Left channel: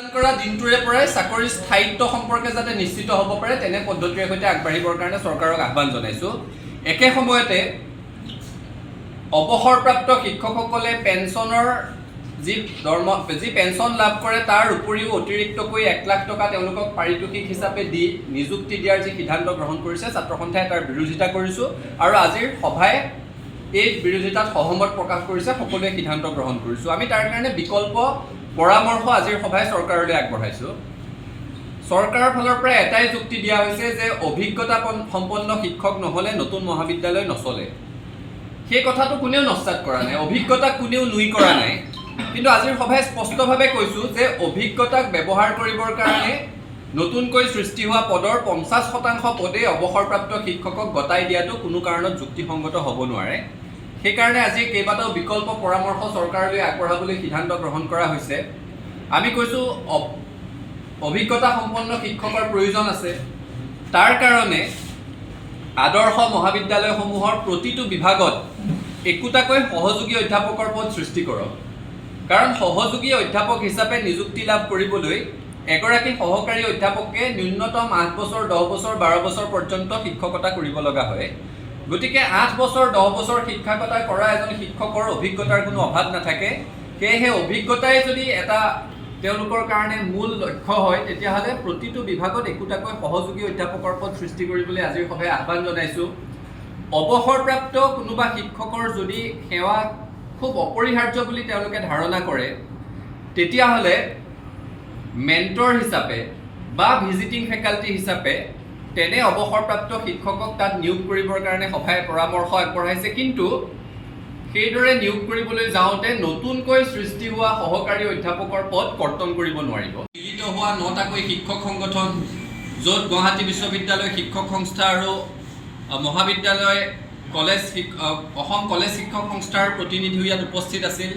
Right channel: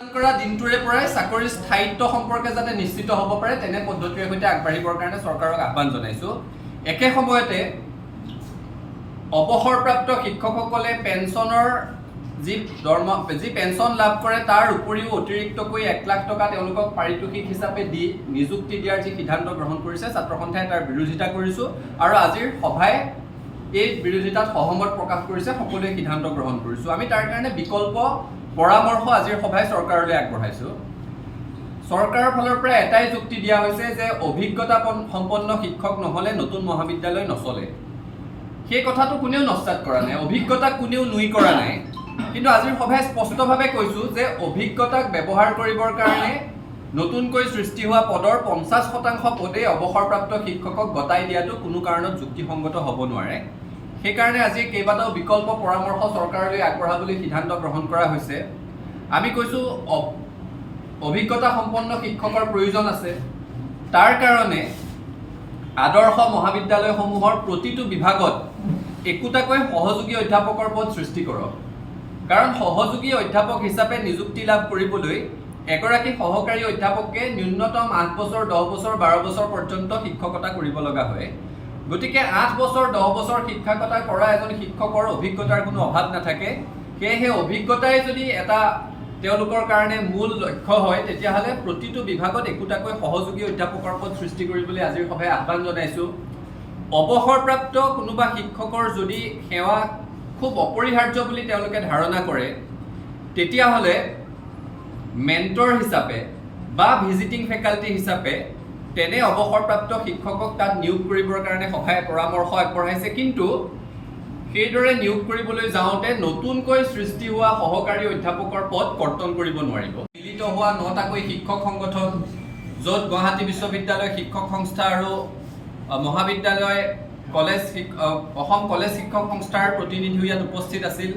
কৰা দিনটোৰে পৰাই চাকৰিৰ স্থায়িত্ব সম্পৰ্কে যাতে নিশ্চিত হ'ব পাৰে তেনে পদ্ধতিৰে সৈতে আগবাঢ়িবৰ কাৰণে চৰকাৰক আহ্বান জনাইছোঁ। একে সময়তে অৱসৰপ্ৰাপ্ত শিক্ষকসকলে পেঞ্চনৰ যি পেঞ্চন লাভ কৰে তাৰ উপৰিও অতিৰিক্তকৈ 1 লাখ টকা তেওঁলোকক পাৰিতোষিক হিচাপে দি নিযুক্তি দিয়াৰ যি সিদ্ধান্ত গ্ৰহণ কৰিছে ছাত্ৰ সন্থাই তাৰ বিৰোধিতা কৰিছোঁ আৰু আজিৰ সভাই এই বিৰোধিতাত সহমত প্ৰকাশ কৰিছে, সকলোৱে সিদ্ধান্ত গ্ৰহণ কৰিছোঁ। আমি তাৰ কাৰণে বিকল্প পৰামৰ্শ আজিৰ সভাই চৰকাৰলৈ আগবঢ়াইছোঁ। চৰকাৰৰ ফালৰ পৰা এটাই যুক্তি দিয়া হৈছে যে অভিজ্ঞতা সম্পন্ন শিক্ষক নহ'লে নতুন মহাবিদ্যালয় নচলে। সেই কথাটো কোনেও নস্যাৎ কৰা নাই, অভিজ্ঞতাক কোনেও নুই কৰা নাই। কিন্তু আজিৰ সভাই স্পষ্টভাৱে কৈছোঁ যে অভিজ্ঞতাক ব্যৱহাৰ কৰিবৰ কাৰণে নতুনকৈ সৃষ্টি হোৱা পদৰ 50% পদেই অৱসৰপ্ৰাপ্ত শিক্ষকক গতাই দিয়াটো কোনো কাৰণত যুক্তিসংগত হ'ব নোৱাৰে। সেইকাৰণে আজি কেইবাটাও বিকল্প পৰামৰ্শ চৰকাৰলৈ আগবঢ়াবলৈ সিদ্ধান্ত গ্ৰহণ কৰা হৈছে। আমি কৈছোঁ অভিজ্ঞতা সম্পন্ন শিক্ষকৰ প্ৰয়োজন আছে। তাৰ কাৰণে আদৰ্শ মহাবিদ্যালয়সমূহৰ প্ৰতিটো বিভাগত একোটাকৈ সহযোগী অধ্যাপকৰ পদ সৃষ্টি কৰক। কাৰণ সহযোগী অধ্যাপক হিচাপে নিযুক্তি লাভ কৰিবলৈ এগৰাকী সহকাৰী অধ্যাপকে ন্যূনতম 8 বছৰ, 10 বছৰ, 12 বছৰ পৰ্যন্ত শিক্ষকতা কৰিব লগা হয়। গতিকে 8 বছৰ, 10 বছৰ শিক্ষকতা কৰা এজন শিক্ষকৰ অভিজ্ঞতাৰ কোনো অভাৱ নাথাকে। সেয়েহে অভিজ্ঞতাই যদি এটা তেওঁলোকৰ কাৰণে মূল লক্ষ্য হয় তেতিয়াহ'লে প্ৰতিটো বিভাগত একোটাকৈ সহযোগী অধ্যাপকৰ পদ সৃষ্টি কৰিবলৈ আজিৰ সভাই আহ্বান জনাইছোঁ। অৱসৰপ্ৰাপ্ত কোনোবা শিক্ষকৰ যদি সেৱা খুব অপৰিহাৰ্য বুলি তেওঁলোকে ধাৰণা কৰে তেতিয়াহ'লে মেণ্টৰ হিচাপে বা ভিজিটিং ফেকাল্টি হিচাপে তেনে অৱসৰপ্ৰাপ্ত শিক্ষকক তাত নিয়োগ কৰিবৰ কাৰণে সভাই পৰামৰ্শ আগবঢ়াইছে। কিন্তু সেইদৰে নিয়োগ কৰিবলৈ যাওঁতে নতুনকৈ সৃষ্টি হোৱা সহকাৰী অধ্যাপকৰ পদ কৰ্তন কৰিব নোৱাৰিব। মিলিত হোৱা 9টাকৈ শিক্ষক সংগঠন, য'ত গুৱাহাটী বিশ্ববিদ্যালয় শিক্ষক সংস্থা আৰু মহাবিদ্যালয় অসম কলেজ শিক্ষক সংস্থাৰ প্ৰতিনিধিও ইয়াত উপস্থিত আছিল।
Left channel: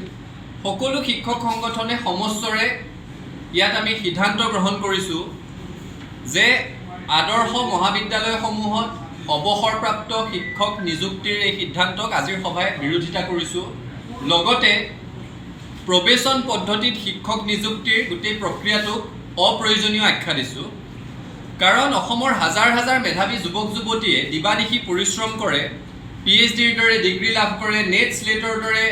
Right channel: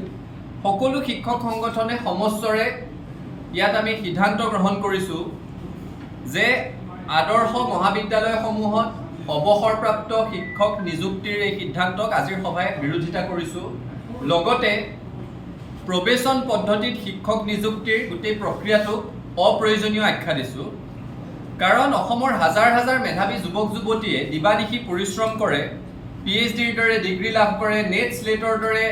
সকলো শিক্ষক সংগঠনে সমস্বৰে ইয়াত আমি সিদ্ধান্ত গ্ৰহণ কৰিছোঁ যে আদৰ্শ মহাবিদ্যালয়সমূহত অৱসৰপ্ৰাপ্ত শিক্ষক নিযুক্তিৰ এই সিদ্ধান্তক আজিৰ সভাই বিৰোধিতা কৰিছোঁ। লগতে প্ৰৱেশন পদ্ধতিত শিক্ষক নিযুক্তিৰ গোটেই প্ৰক্ৰিয়াটোক অপ্ৰয়োজনীয় আখ্যা দিছোঁ। কাৰণ অসমৰ হাজাৰ হাজাৰ মেধাৱী যুৱক যুৱতীয়ে দিবানিশি পৰিশ্ৰম কৰে, PhDৰ দৰে ডিগ্ৰী লাভ কৰে, নেট স্লেটৰ দৰে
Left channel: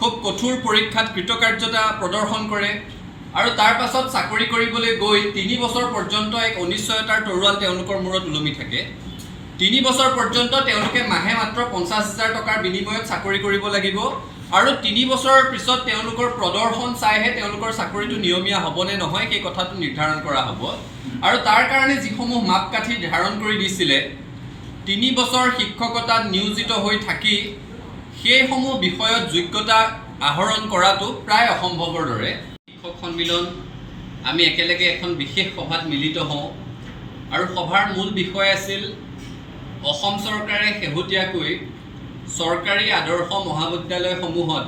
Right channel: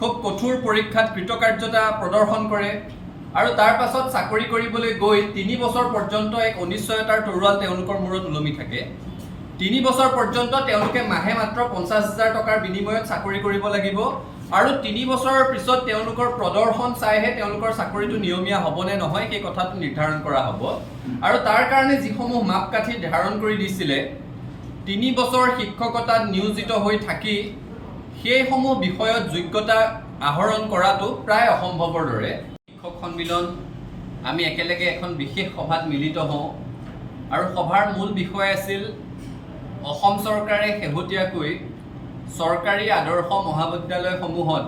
খুব কঠোৰ পৰীক্ষাত কৃতকাৰ্যতা প্ৰদৰ্শন কৰে আৰু তাৰ পাছত চাকৰি কৰিবলৈ গৈ 3 বছৰ পৰ্যন্ত এক অনিশ্চয়তাৰ তৰোৱাল তেওঁলোকৰ মূৰত ওলমি থাকে। 3 বছৰ পৰ্যন্ত তেওঁলোকে মাহে মাত্ৰ 50,000 টকাৰ বিনিময়ত চাকৰি কৰিব লাগিব আৰু 3 বছৰৰ পিছত তেওঁলোকৰ প্ৰদৰ্শন চাইহে তেওঁলোকৰ চাকৰিটো নিয়মীয়া হ'বনে নহয় সেই কথাটো নিৰ্ধাৰণ কৰা হ'ব। আৰু তাৰ কাৰণে যিসমূহ মাপকাঠি ধাৰণ কৰি দিছিলে 3 বছৰ শিক্ষকতাত নিয়োজিত হৈ থাকি সেইসমূহ বিষয়ত যোগ্যতা আহৰণ কৰাটো প্ৰায় অসম্ভৱৰ দৰে। শিক্ষক সন্মিলন আমি একেলগে এখন বিশেষ সভাত মিলিত হওঁ আৰু সভাৰ মূল বিষয় আছিল অসম চৰকাৰে শেহতীয়াকৈ চৰকাৰী আদৰ্শ মহাবিদ্যালয়সমূহত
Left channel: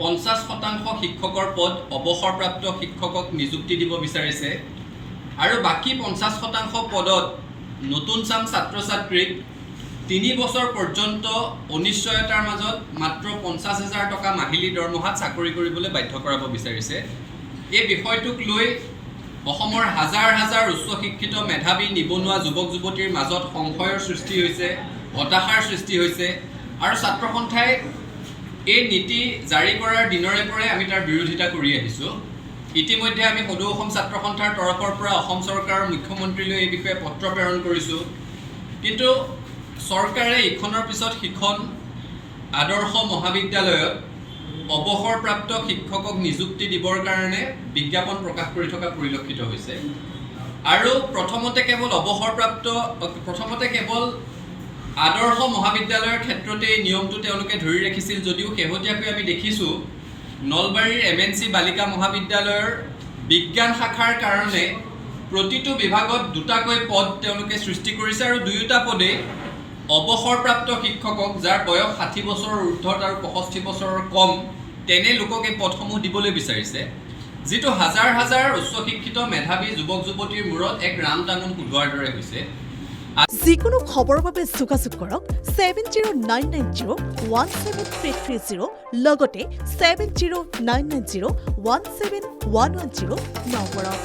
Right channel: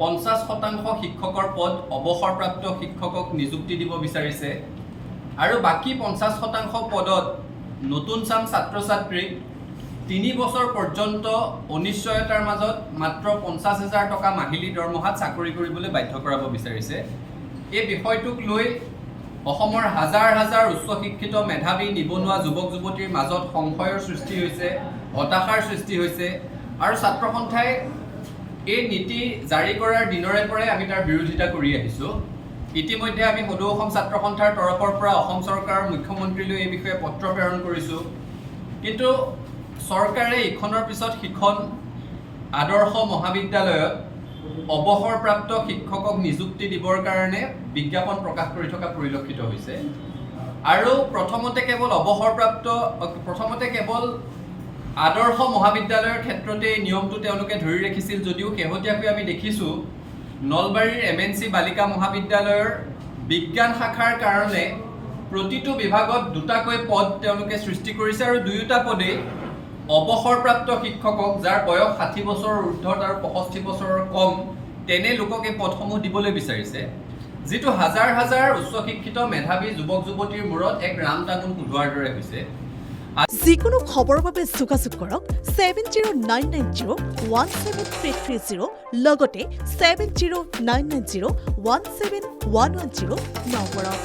50% শিক্ষকৰ পদ অৱসৰপ্ৰাপ্ত শিক্ষকক নিযুক্তি দিব বিচাৰিছে আৰু বাকী 50% পদত নতুন চাম ছাত্ৰ ছাত্ৰীক 3 বছৰ পৰ্যন্ত অনিশ্চয়তাৰ মাজত মাত্ৰ 50,000 টকা মাহিলী দৰমহাত চাকৰি কৰিবলৈ বাধ্য কৰাব বিচাৰিছে। এই বিষয়টোক লৈ অসমৰ হাজাৰ হাজাৰ উচ্চ শিক্ষিত মেধাৱী নিবনুৱা যুৱক যুৱতীৰ মাজত সংশয়ৰ সৃষ্টি হৈছে, হতাশাৰ সৃষ্টি হৈছে আৰু ছাত্ৰ সন্থাই এই নীতি জাৰি কৰাৰ দিনৰে পৰাই আমি তাৰ বিৰোধিতা কৰি আহিছোঁ। ইতিমধ্যে আমি সদৌ অসম ছাত্ৰ সন্থাৰ তৰফৰ পৰা অসম চৰকাৰৰ মুখ্যমন্ত্ৰীলৈ এই বিষয়ে পত্ৰ প্ৰেৰণ কৰিছোঁ। কিন্তু চৰকাৰে ইখনৰ পিছত সিখন আদৰ্শ মহাবিদ্যালয়ত অৱসৰপ্ৰাপ্ত শিক্ষকক নিযুক্তি দিবৰ কাৰণে বিজ্ঞাপন প্ৰকাশ কৰি থকা পৰিলক্ষিত হৈছে। আৰু প্ৰথমতে কেৱল আদৰ্শ মহাবিদ্যালয়ৰ ক্ষেত্ৰতে এই নিয়মটো তেওঁলোকে ধৰি ৰাখিছিল যদিও শেহতীয়াকৈ আমি দেখিছোঁ নলবাৰীৰ MNC বালিকা মহাবিদ্যালয়ৰ বিজ্ঞান শাখাৰ কাৰণে প্ৰতিটো বিভাগত 2টাকৈ পদ তেওঁলোকে সৃষ্টি কৰিছে আৰু 2টা পদেই অৱসৰপ্ৰাপ্ত শিক্ষকক যাৰ বয়স 60 বছৰৰ ঊৰ্ধত আৰু 65 বছৰৰ কম তেনে লোকক এই পদসমূহ দিবলৈ বিচাৰিছে, যিটো হাজাৰ হাজাৰ উচ্চ শিক্ষিত মেধাৱী যুৱক যুৱতীৰ মূৰত এক ৰাম টাঙোন সোধোৱাৰ দৰে হৈছে। যিকোনো খবৰৰ বাবে যোগাযোগ কৰক 7099017330 লগতে 7099017110 নম্বৰত।